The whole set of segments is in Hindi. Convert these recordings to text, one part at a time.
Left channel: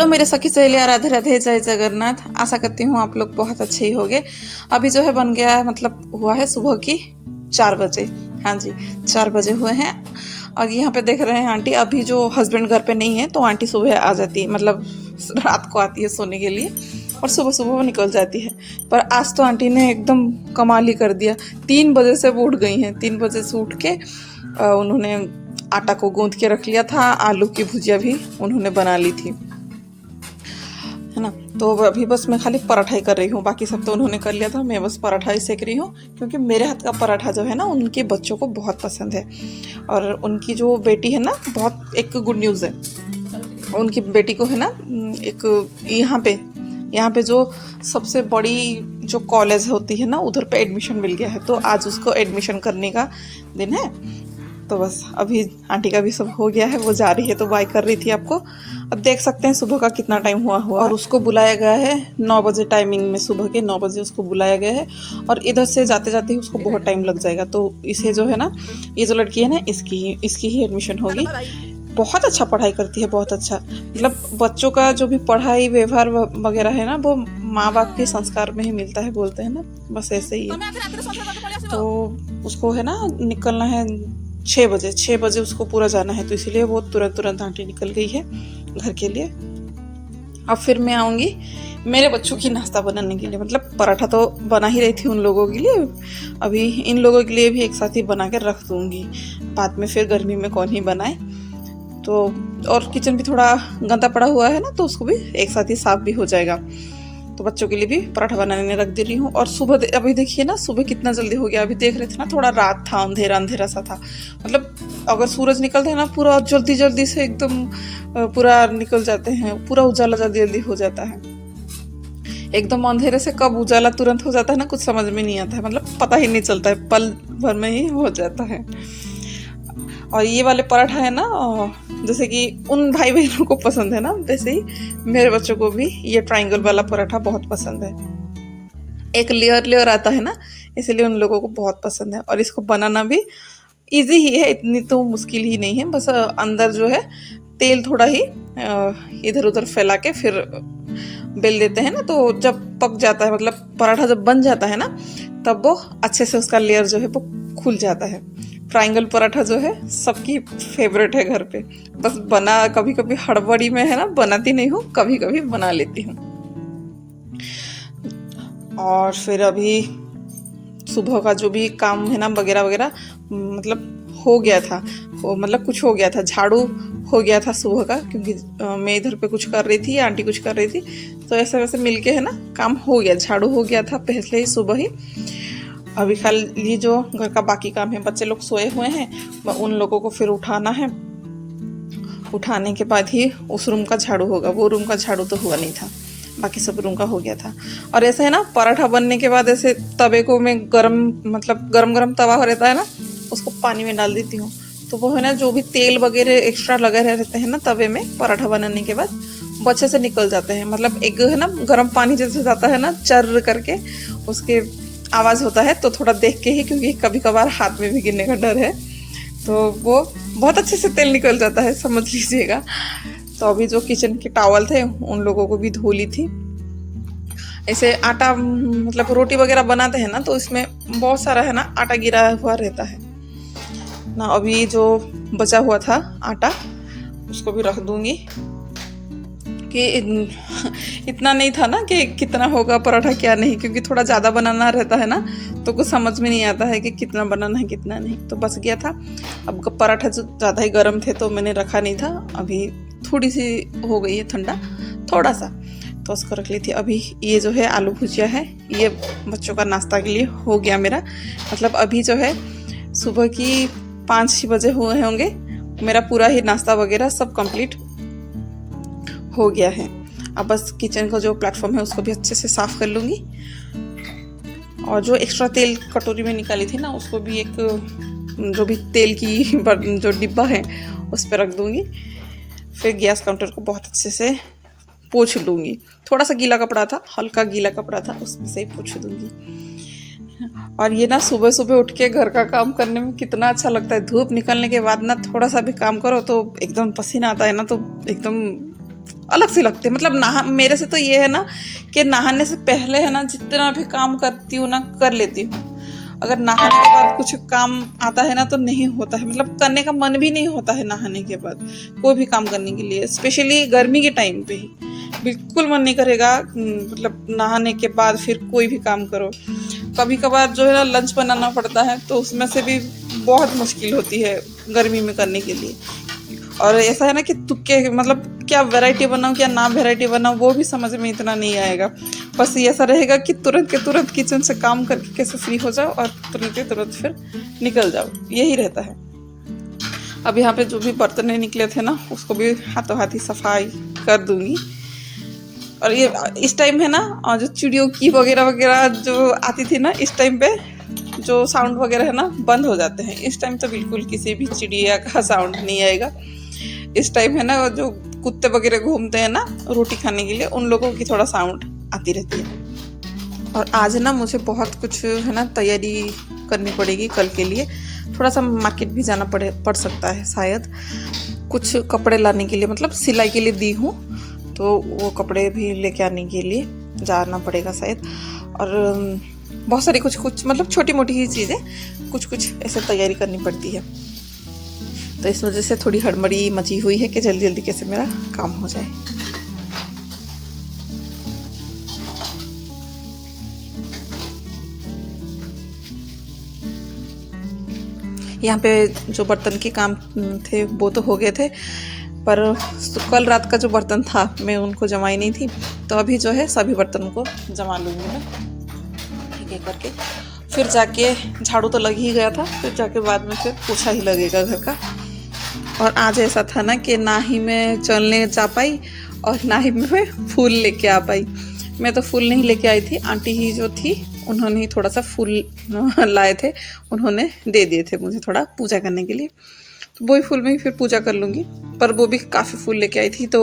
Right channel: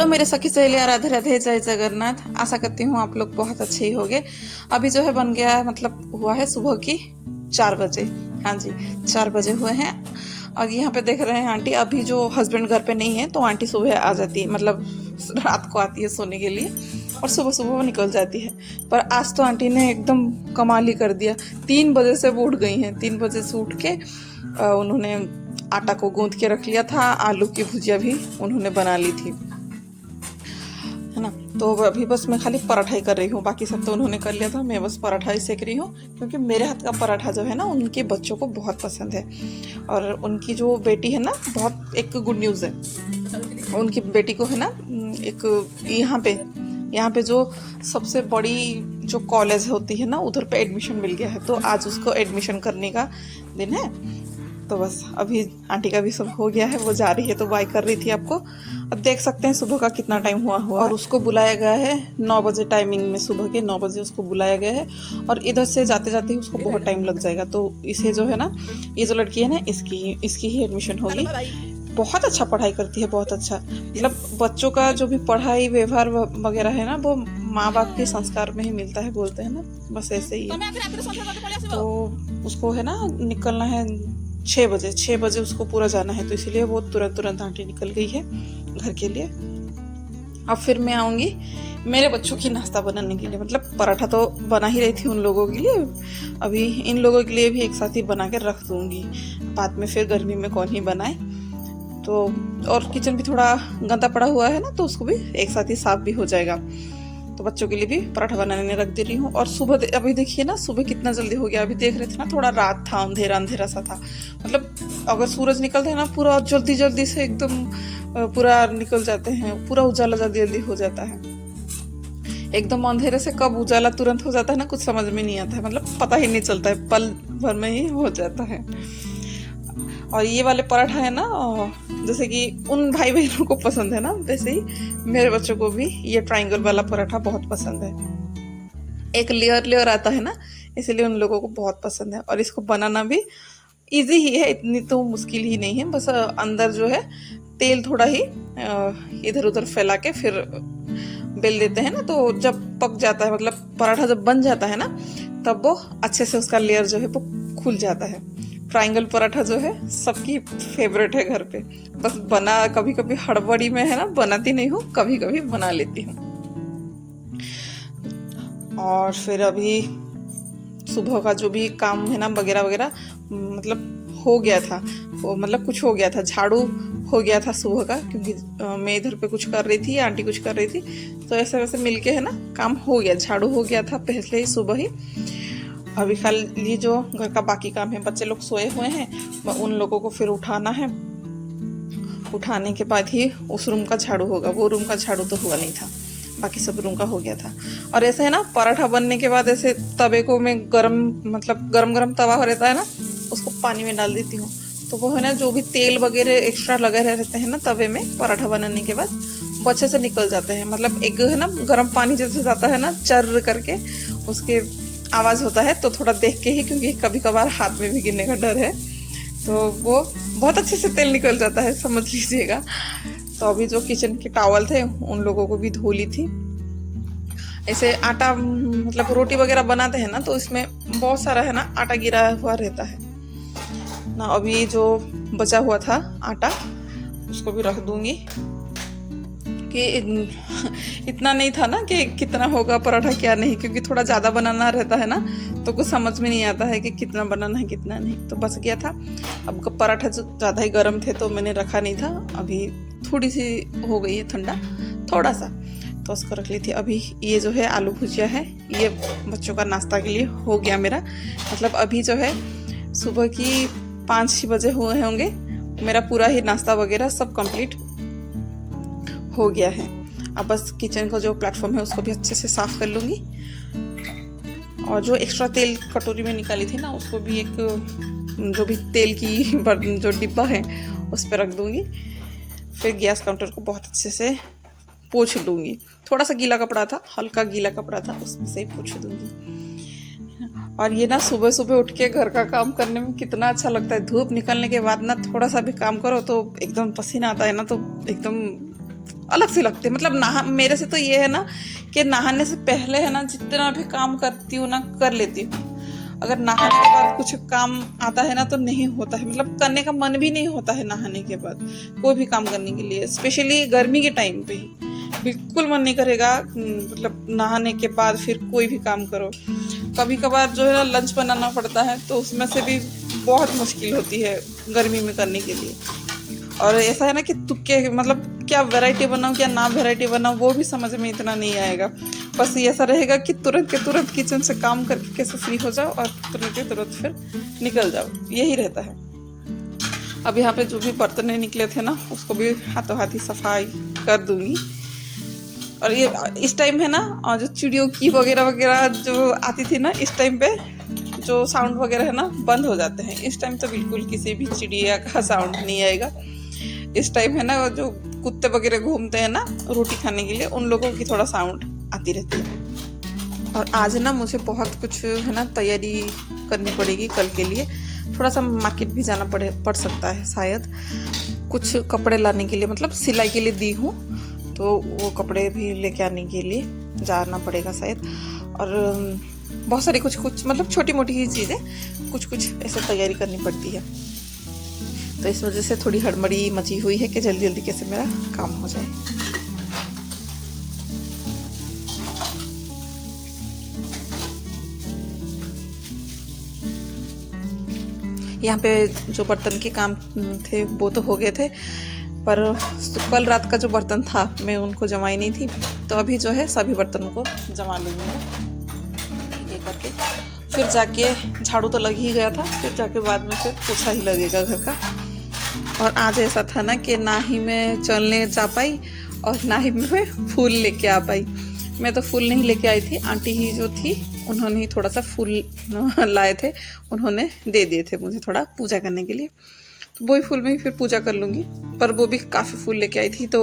हेलो मेरे सखी सहेलियां, राधे राधे, जय जगन्नाथ। आशा करती हूँ आप लोग बहुत अच्छे ही होंगे। अभी जो है बन गया है, मतलब हुआ है सुबह की 4 बजे। हाँ जी, 4 बजे हुए हैं। और यहाँ पे देख रहे हैं आंटी, अभी जो हस्बैंड घर पे नहीं है तो आंटी सुबह आ जाती है, मतलब रात को आती है सोने के लिए और सुबह सुबह वो निकल जाती है। पर आज तो आंटी ने एकदम कमाल ही कर दिया। 3 बजे से वो उठ गई हैं। 3 बजे से उठ के उन्होंने आटा को गूंथ के रख लिया था। आलू की भुजिया भी उन्होंने बना ली थी, है ना। तो अभी बस मैं खाली पराठा ही कर रही हूँ, बाकी सब तो उन्होंने कर लिया था। मैं बस पराठा ही सेक रही हूँ, क्योंकि मेरे हाथ का पराठा जो है ना उनके बच्चों को बहुत पसंद है। और उनकी जो बेटी है ना, बहुत एक गुड न्यूज़ है। उनकी बेटी को है ना एक यहाँ पे जो सबसे बड़ी जो कॉलेज होती है ना, उधर पे एडमिशन मिल गया है। तो आज उसको एडमिशन करने का दिन है। तो बस अभी आंटी का भी सब हो गया है, वो जा रही है तो बाय कर रही थी आपको। अब देख सकते हैं सुबह का कितना टाइम हुआ। और उसको बुलाया गया है 9 बजे टाइमिंग में, सुबह के 9 बजे उसको बुलाया गया है। और इधर से जाते जाते उसको बहुत टाइम लग जाएगा। तो इसे जो है ना, ये जो लड़की है ना, इसकी ही एडमिशन होगी। बहुत अच्छा पढ़ाई करती है, बहुत अच्छा। मतलब बच्चों का जो भी पढ़ाई व्यवहार वगैरह है ना, वो माँ बाप के संस्कार में ही मिलता है, बोलते हैं ना, बस ऐसे ही। तो उसको है ना निकलना है 6 बजे उसको पूरा जाना है। तो इसीलिए वो तुरंत आंटी निकल गई है घर के लिए। अब फिर मैं आऊँगी मेरे बच्चों की नाश्ता बनाने के लिए। मतलब पराठा तो बना ही रही थी उन लोगों के लिए, अभी इन लोगों के लिए भी एक साथ ही बना के रख दूँगी। बाद में फिर गर्मी में कौन ही बनाए। तो और किचन भी थोड़ा गंदा पड़ा हुआ है ना, तो उसको भी एक साथ ही साफ भी हो जाएगा। तो बच्चों के लिए भी पराठा बनाने रख दे रही हूँ। और सुबह अभी देखिए ना, सुबह कितना जल्दी हो गया। अभी देख रहे थे ना, थोड़ा रात था, अंधेरा सा था। मतलब अगर सूरज निकलता है ना, पूरा जल्दी से एकदम पूरा निकल जाते हैं, पूरा उजाला जल्दी हो जाता है। एकदम अंधेरे से कब उजाला तुरंत हो जाता है ना, कुछ समझ में नहीं आता है। मतलब पता ही नहीं चलता है, पल भर में ही हो जाता है। और ये वाले पराठा है ना, जैसे कि उन भाई बहनों को पसंद है ना, वैसे ही मेरे बच्चों को भी ये ट्रायंगल वाला पराठा बहुत पसंद है। एक लेयर आता है ना, इसलिए उन लोगों को बहुत पसंद है। और इसको बनाना भी इजी ही है, इतनी तो मुश्किल ही नहीं है। बस अंदर जो है तेल थोड़ा ही इधर उधर फैला के फिर बेल देते हैं ना, तो जब पक जाता है, मतलब पराठा जब बन जाता है ना, तब वो अच्छे से उसका लेयर जो है वो खुल जाता है। ट्रायंगल पराठा जो है सबकी फेवरेट है घर पे। बस बना कभी कभी हड़बड़ी में है ना, बनाती नहीं हूँ, कभी कभी बना लेती हूँ। और फिर अभी सुबह का जो भी काम है ना, वगैरह मतलब हो गया था। वो मतलब कुछ हो गया था, झाड़ू हो गया था सुबह का, क्योंकि मैं इधर पे कुछ कर रही थी, आंटी कुछ कर रही थी, तो ऐसे वैसे मिलके है ना काम हो गया। झाड़ू हो गया था पहले ही सुबह ही। अभी खाली जो घर का बाकी काम है, बच्चे लोग सोए हुए हैं, उन लोगों को फिर उठाना है। उठाने के बाद ही उस रूम का झाड़ू होगा। वो रूम का झाड़ू तो हुआ नहीं था, बाकी सब रूम का हो गया था। और ऐसे है ना, पराठा बनने के बाद ऐसे तवे को मैं गरम तवा रहता है ना, उसको पानी में डाल देती हूँ। तो वो है ना, जो भी तेल वगैरह एक्स्ट्रा लगे रहते हैं ना तवे में, पराठा बनाने के बाद वो अच्छे से निकल जाते हैं। मतलब एक है ना, गर्म पानी जैसे जाता है ना, चर करके उसके आवाज़ होता है, तो थोड़ा देख के ही, क्योंकि कभी कभार हाथ में भी गिरने का डर है, तो वो बहुत अच्छे से तेल निकल जाता है, समझ लीजिएगा। तो अभी जो किचन के टॉवल थे उन लोगों को भी धो ली थी। ऐसे आटा, मतलब रोटी वगैरह बनाते हैं ना, तो इसमें बहुत सारा है ना आटा गिरा हुआ रहता है ना। अभी जो बचा हुआ था आटा, उसको भी रख दूंगी, कि इतना नहीं था ना कि कितना होगा पराठा क्या नहीं, क्योंकि थोड़ा ज़्यादा बनाना रहता है ना, तो कुछ समझ में नहीं आता है कि कितना बनाना है कितना नहीं। तो बच गया था। अब पराठा जो ज़्यादा ही गर्म थे तो मैंने रखा नहीं था। अभी थोड़ी सी हो गई है ठंडा, थोड़ा सा, तो उसको रख ली थी। अभी ये जो है आलू भुजिया है, ये बच्चों का नाश्ता के लिए हो गया मेरा। मतलब अभी जो है सुबह की 5-6 बजे हुए होंगे, मेरा पूरा ही नाश्ता वगैरह सब कंप्लीट हो गया है। अब बस किचन का जो प्लेटफॉर्म है उसको भी अच्छे से साफ कर लूँगी। और जो एक्स्ट्रा तेल कटोरी में निकाली थी ना, उसको भी एक जो भी तेल की जो डिब्बा है उस पर रख दूँगी। फिर गैस काउंटर को बहुत अच्छे से पोंछ लूँगी। थोड़ा सा गीला कपड़ा था, हल्का गीला कपड़ा था, उसमें से पोंछ दूँगी। और ये ना सुबह सुबह उठ के घर का काम करने में कितना अच्छा लगता है। धूप निकलने के बाद ना थोड़ा सा भी काम करो तो एकदम पसीना आता है ना, तो एकदम अलग से लगते हैं। मतलब नहा मेरे से तो ये है ना कि नहाने से पहले है ना जितना भी काम करती हूँ ना कर लेती हूँ, अगर नहाने के बाद कुछ काम आता है ना तो नहीं होता है, मतलब करने का मन भी नहीं होता है नहाने के बाद कोई भी काम करने के लिए, स्पेशली गर्मी के टाइम पे ही बिल्कुल मन नहीं करेगा मतलब नहाने के बाद फिर कोई भी काम करो। कभी कभार जो है ना लंच बनाना पड़ता है तो उसमें से भी बहुत मुश्किल होती है गर्मी में करने के लिए। और ऐसा है ना कि तुक्के मतलब क्या वैरायटी बनाऊँ क्या ना वैरायटी बनाऊँ वो भी समझ में इतना नहीं आएगा। बस ये ऐसा रहेगा कि तुरंत के तुरंत किचन से काम करके कैसे फ्री हो जाओ और तुरंत के तुरंत फिर निकल जाओ, यही रहता है। अब यहाँ पे जो भी बर्तन निकले थे ना उसको भी हाथों हाथ ही सफाई कर दूंगी। और ये इस टाइम है ना, और जो चिड़ियों की वगैरह वगैरह जो आती थी ना इस टाइम पे जो साउंड वगैरह है ना बंद हो जाते हैं। इस टाइम तो बिल्कुल किसी भी चिड़िया का साउंड नहीं आएगा। इस टाइम है ना जो कुत्ते वगैरह घूमते हैं ना रोटी खाने के लिए, उन लोगों की थोड़ा साउंड आती रहती है। और आज ना मुझे बहुत कुछ है ना तैयारी करनी पड़ेगी कल के लिए, थोड़ा सा मार्केट भी जाना पड़ सकता है शायद, कुछ कपड़े लाने के लिए, मतलब सिलाई के लिए दी हूँ तो वो कपड़े भी लेके आने के लिए जाना पड़ेगा शायद। और बहुत सारी कुछ मतलब छोटी मोटी ही चीज़ें कुछ ऐसे तैयारी करनी पड़ती है, तो इस वजह से थोड़ी हड़बड़ी मची हुई है कि जल्दी जल्दी कैसे मेरा काम हो जाए। यहाँ पे जो बर्तन के काम थे वो तो हो गए थे, पर कल रात का जो बर्तन था मैं उनको जमाई नहीं थी, तो अभी जो है सभी बर्तनों को जमा लूँगी ये करके। फिर जाके झाड़ू तो लग ही गया था, फिर जाके बाद में फिर पोछा ही लगेगा घर का। और आज ऐसा था ना कि ना ही मैं चलने जा पाई और ना ही मैं फूल लेके आ पाई। मैं तो फूल नहीं लेके आई थी, आंटी ही जो थी उन्होंने ही थोड़ा सा फूल लाए थे, उन्होंने दे दिए थे मुझे थोड़ा पूजा करने के लिए, तो वही फूल में ही फिर पूजा कर लूँगी। पर वो भी काफ़ी फूल लेके आई थी, तो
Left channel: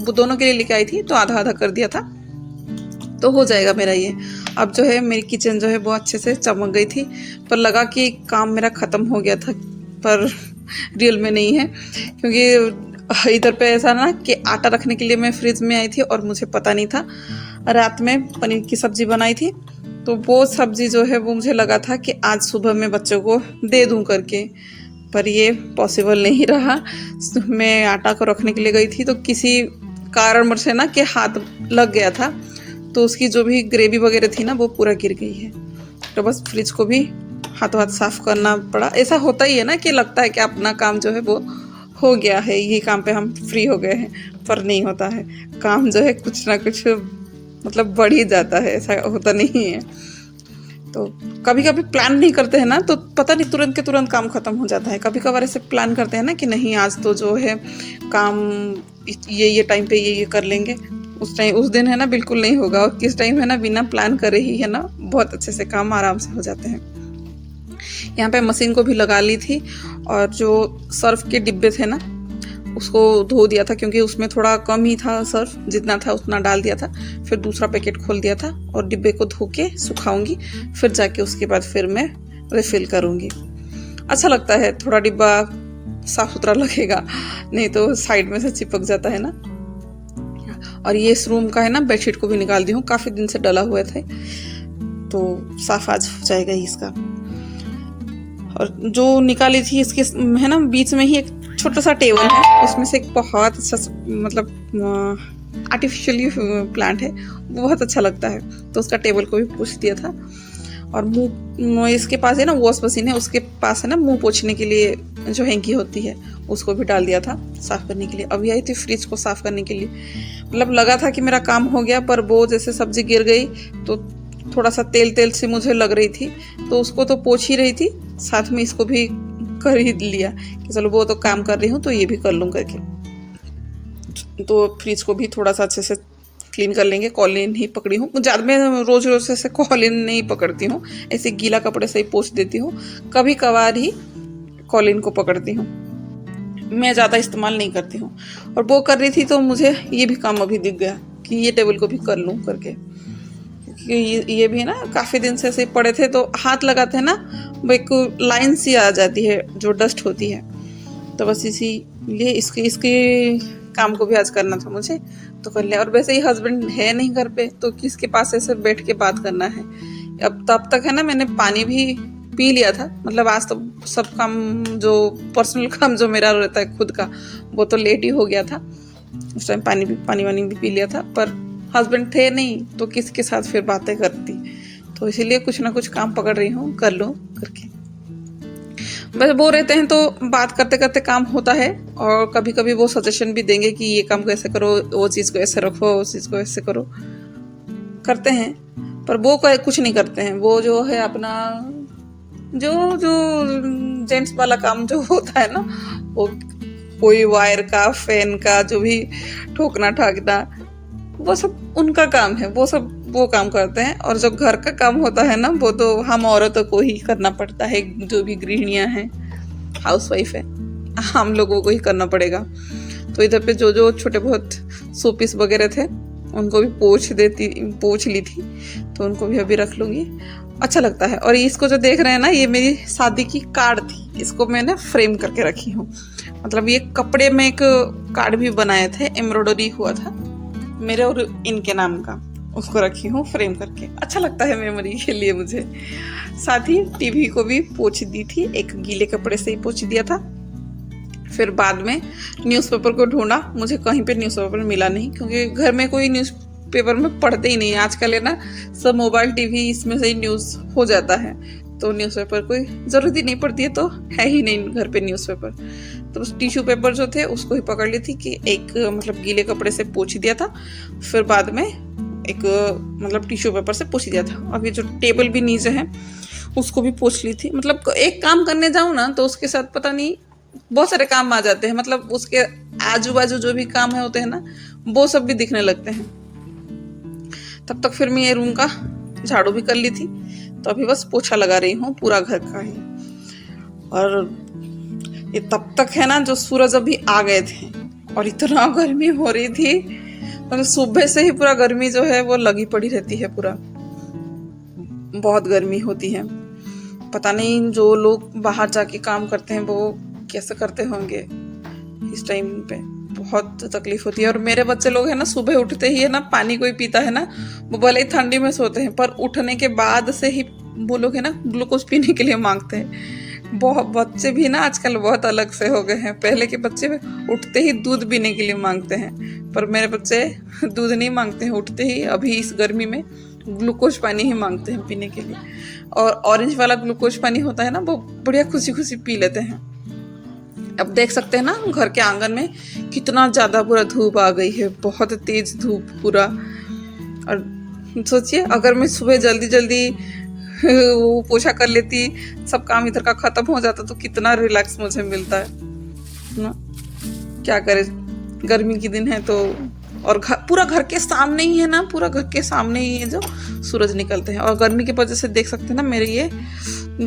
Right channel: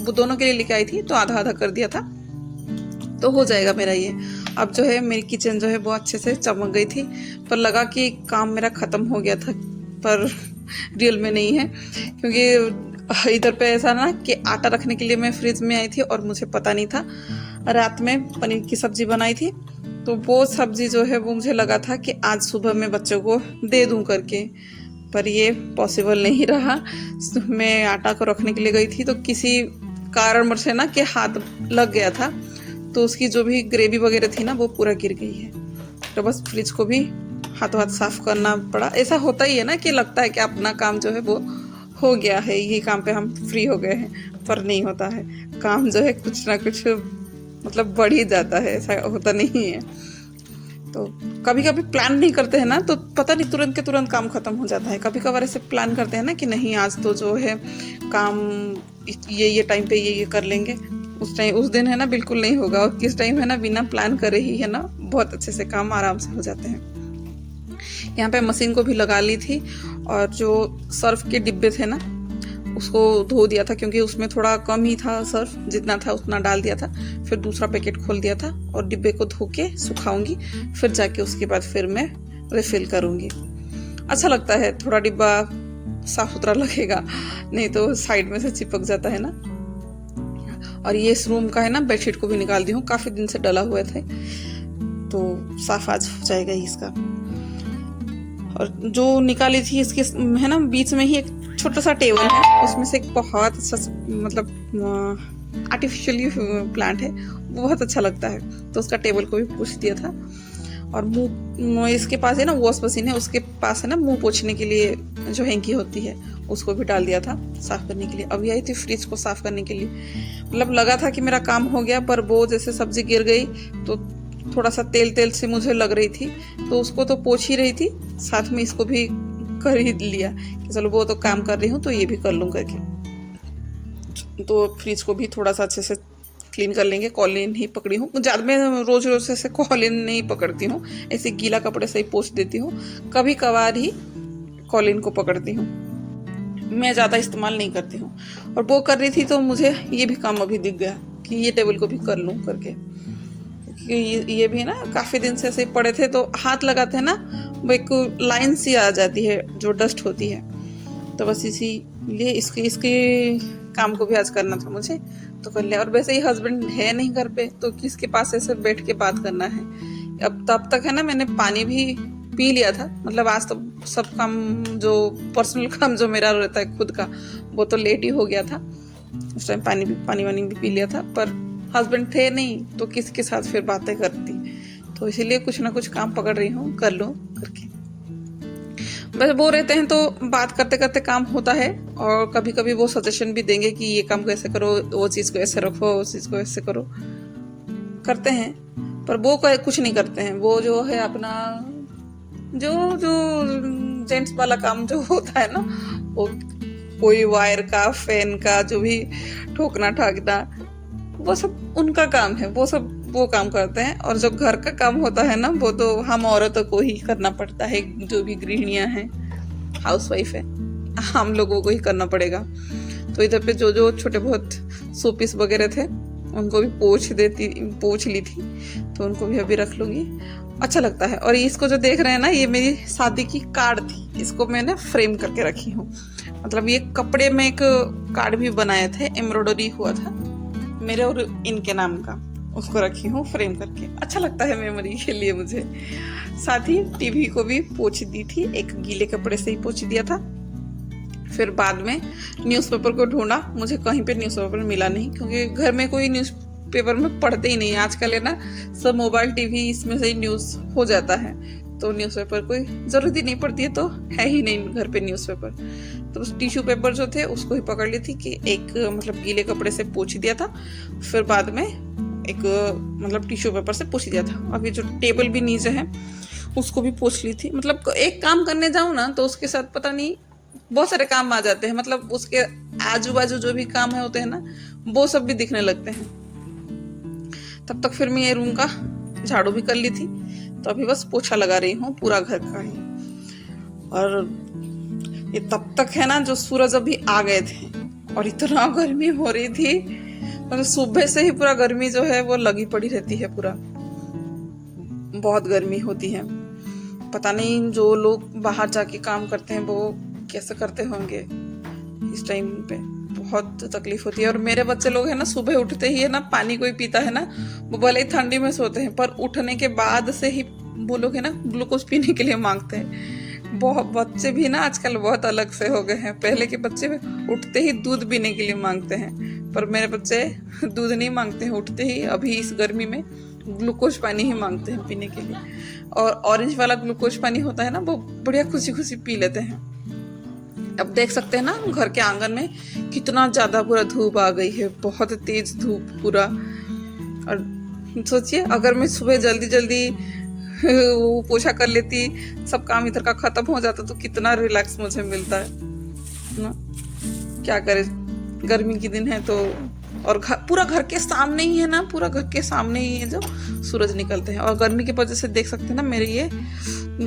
वो दोनों के लिए लेके आई थी तो आधा आधा कर दिया था, तो हो जाएगा मेरा ये। अब जो है मेरी किचन जो है वो अच्छे से चमक गई थी, पर लगा कि काम मेरा ख़त्म हो गया था, पर रियल में नहीं है। क्योंकि इधर पे ऐसा ना कि आटा रखने के लिए मैं फ्रिज में आई थी और मुझे पता नहीं था, रात में पनीर की सब्ज़ी बनाई थी, तो वो सब्ज़ी जो है वो मुझे लगा था कि आज सुबह मैं बच्चों को दे दूं करके, पर ये पॉसिबल नहीं रहा। मैं आटा को रखने के लिए गई थी तो किसी कारण से ना कि हाथ लग गया था, तो उसकी जो भी ग्रेवी वगैरह थी ना वो पूरा गिर गई है। तो बस फ्रिज को भी हाथों हाथ साफ करना पड़ा। ऐसा होता ही है ना कि लगता है कि अपना काम जो है वो हो गया है, यही काम पे हम फ्री हो गए हैं, पर नहीं होता है। काम जो है कुछ ना कुछ मतलब बढ़ ही जाता है, ऐसा होता नहीं है। तो कभी कभी प्लान नहीं करते हैं ना तो पता नहीं तुरंत के तुरंत काम खत्म हो जाता है। कभी कभार ऐसे प्लान करते हैं ना कि नहीं आज तो जो है काम ये टाइम पे ये कर लेंगे, उस दिन है ना बिल्कुल नहीं होगा। और किस टाइम है ना बिना प्लान करे ही है ना बहुत अच्छे से काम आराम से हो जाते हैं। यहाँ पे मशीन को भी लगा ली थी और जो सर्फ के डिब्बे थे ना उसको धो दिया था, क्योंकि उसमें थोड़ा कम ही था सर्फ, जितना था उतना डाल दिया था। फिर दूसरा पैकेट खोल दिया था और डिब्बे को धो के सुखाऊंगी, फिर जाके उसके बाद फिर मैं रिफिल करूंगी। अच्छा लगता है, थोड़ा डिब्बा साफ सुथरा लगेगा, नहीं तो साइड में से चिपक जाता है ना। और ये इस रूम का है ना बेडशीट को भी निकाल दी हूँ, काफी दिन से डला हुए थे, तो साफ आज हो जाएगा ही इसका। और जो निकाली थी इसके है ना बीच में ही एक छोटा सा टेबल है, उसमें से एक बहुत अच्छा मतलब आर्टिफिशियली प्लांट है, बहुत अच्छा लगता है, तो उसका टेबल को भी पोंछ दिया था। और मुंह इसके पास है ना वॉश मशीन है, उसके पास है ना मुंह पोंछने के लिए जो हैंकी होती है उसको भी डाल दिया था साफ करने के लिए। अभी आई थी फ्रिज को साफ करने के लिए, मतलब लगा था कि मेरा काम हो गया, पर वो जैसे सब्जी गिर गई तो थोड़ा सा तेल सी मुझे लग रही थी, तो उसको तो पोंछ ही रही थी, साथ में इसको भी कर ही लिया कि चलो वो तो काम कर रही हूँ तो ये भी कर लूँ करके। तो फ्रिज को भी थोड़ा सा अच्छे से क्लीन कर लेंगे। कॉलिन ही पकड़ी हूँ, ज़्यादा मैं रोज से कॉलिन नहीं पकड़ती हूँ, ऐसे गीला कपड़े से ही पोंछ देती हूँ, कभी कभार ही कॉलिन को पकड़ती हूँ, मैं ज़्यादा इस्तेमाल नहीं करती हूँ। और वो कर रही थी तो मुझे ये भी काम अभी दिख गया कि ये टेबल को भी कर लूँ करके, ये भी है ना काफ़ी दिन से ऐसे पड़े थे, तो हाथ लगाते हैं ना वो एक लाइन सी आ जाती है जो डस्ट होती है, तो बस इसीलिए इसके काम को भी आज करना था मुझे, तो कर लिया। और वैसे ही हस्बैंड है नहीं घर पे, तो किसके पास ऐसे बैठ के बात करना है। अब तब तक है ना मैंने पानी भी पी लिया था, मतलब आज तो सब काम जो पर्सनल काम जो मेरा रहता है खुद का, वो तो लेट ही हो गया था। उस टाइम पानी वानी भी पी लिया था, पर हस्बैंड थे नहीं तो किसके साथ फिर बातें करती, तो इसीलिए कुछ ना कुछ काम पकड़ रही हूँ, कर लो करके। बस वो रहते हैं तो बात करते करते काम होता है, और कभी कभी वो सजेशन भी देंगे कि ये काम कैसे करो, वो चीज़ को ऐसे रखो, उस चीज़ को ऐसे करो, करते हैं। पर वो कुछ नहीं करते हैं, वो जो है अपना जो जेंट्स वाला काम जो होता है ना, वो कोई वायर का, फैन का, जो भी ठोकना ठाकना, वो सब उनका काम है, वो काम करते हैं। और जो घर का काम होता है ना, वो तो हम औरतों को ही करना पड़ता है, जो भी गृहिणियां हैं, हाउसवाइफ है, हम लोगों को ही करना पड़ेगा। तो इधर पे जो छोटे बहुत शोपीस वगैरह थे उनको भी पोंछ ली थी, तो उनको भी अभी रख लूंगी, अच्छा लगता है। और इसको जो देख रहे हैं ना, ये मेरी शादी की कार्ड थी, इसको मैंने फ्रेम करके रखी हूँ। मतलब ये कपड़े में एक कार्ड भी बनाए थे, एम्ब्रॉयडरी हुआ था मेरे और इनके नाम का, उसको रखी हूँ फ्रेम करके, अच्छा लगता है मेमोरी के लिए मुझे। साथ ही टीवी को भी पोंछ दी थी, एक गीले कपड़े से ही पोंछ दिया था। फिर बाद में न्यूज़पेपर को ढूंढा, मुझे कहीं पे न्यूज़पेपर मिला नहीं, क्योंकि घर में कोई न्यूज़पेपर में पढ़ते ही नहीं आजकल, है ना, सब मोबाइल टीवी इसमें से ही न्यूज़ हो जाता है, तो न्यूज़पेपर कोई ज़रूरत ही नहीं पड़ती है, तो है ही नहीं घर पे न्यूज़पेपर। तो बस टिश्यू पेपर जो थे उसको ही पकड़ ली थी कि एक मतलब गीले कपड़े से पोंछ दिया था, फिर बाद में एक मतलब टिश्यू पेपर से पोंछ दिया था। अब ये जो टेबल भी नीचे है उसको भी पोंछ ली थी। मतलब एक काम करने जाऊँ ना तो उसके साथ पता नहीं बहुत सारे काम आ जाते हैं, मतलब उसके आजू बाजू जो भी काम है होते हैं ना, वो सब भी दिखने लगते हैं। तब तक फिर मैं ये रूम का झाड़ू भी कर ली थी, तो अभी बस पोछा लगा रही हूँ पूरा घर का ही। और ये तब तक है ना जो सूरज अभी आ गए थे, और इतना गर्मी हो रही थी, मतलब सुबह से ही पूरा गर्मी जो है वो लगी पड़ी रहती है, पूरा बहुत गर्मी होती है। पता नहीं जो लोग बाहर जाके काम करते हैं वो कैसे करते होंगे इस टाइम पे, बहुत तकलीफ होती है। और मेरे बच्चे लोग है ना, सुबह उठते ही है ना, पानी कोई पीता है ना, वो भले ही ठंडी में सोते हैं, पर उठने के बाद से ही वो लोग है ना ग्लूकोज पीने के लिए मांगते हैं। बहुत बच्चे भी ना आजकल बहुत अलग से हो गए हैं, पहले के बच्चे उठते ही दूध पीने के लिए मांगते हैं, पर मेरे बच्चे दूध नहीं मांगते हैं, उठते ही अभी इस गर्मी में ग्लूकोज पानी ही मांगते हैं पीने के लिए। और ऑरेंज वाला ग्लूकोज पानी होता है ना, वो बढ़िया खुशी खुशी पी लेते हैं। अब देख सकते हैं ना घर के आंगन में कितना ज्यादा पूरा धूप आ गई है, बहुत तेज धूप पूरा। और सोचिए अगर मैं सुबह जल्दी वो पोछा कर लेती, सब काम इधर का खत्म हो जाता, तो कितना रिलैक्स मुझे मिलता है ना। क्या करे, गर्मी के दिन है तो, और पूरा घर के सामने ही है ना, पूरा घर के सामने ही है जो सूरज निकलते हैं। और गर्मी की वजह से देख सकते हैं ना, मेरे ये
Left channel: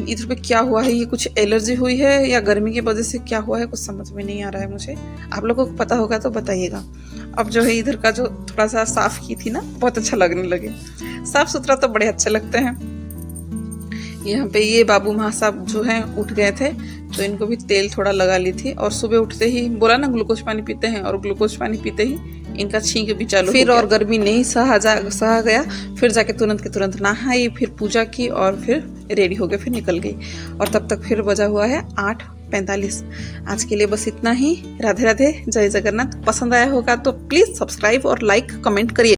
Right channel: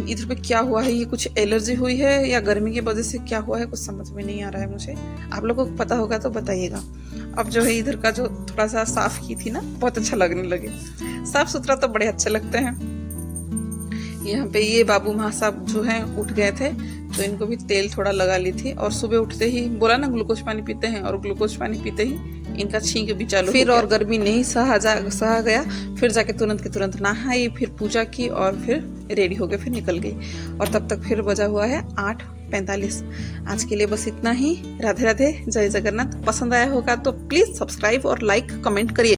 इधर पे क्या हुआ है, ये कुछ एलर्जी हुई है या गर्मी की वजह से क्या हुआ है, कुछ समझ में नहीं आ रहा है मुझे। आप लोगों को पता होगा तो बताइएगा। अब जो है इधर का जो थोड़ा सा साफ की थी ना, बहुत अच्छा लगने लगे, साफ सुथरा तो बड़े अच्छे लगते हैं। यहाँ पे ये बाबू माँ साहब जो है उठ गए थे, तो इनको भी तेल थोड़ा लगा ली थी। और सुबह उठते ही बोला ना ग्लूकोज पानी पीते हैं, और ग्लूकोज पानी पीते ही इनका छींक भी चालू फिर, और गर्मी नहीं सहा गया, फिर जाके तुरंत के तुरंत नहाई, फिर पूजा की और फिर रेडी हो गए, फिर निकल गई। और तब तक फिर बजा हुआ है 8:45। आज के लिए बस इतना ही। राधे राधे, जय जगन्नाथ। पसंद आया होगा तो प्लीज सब्सक्राइब और लाइक कमेंट करिए।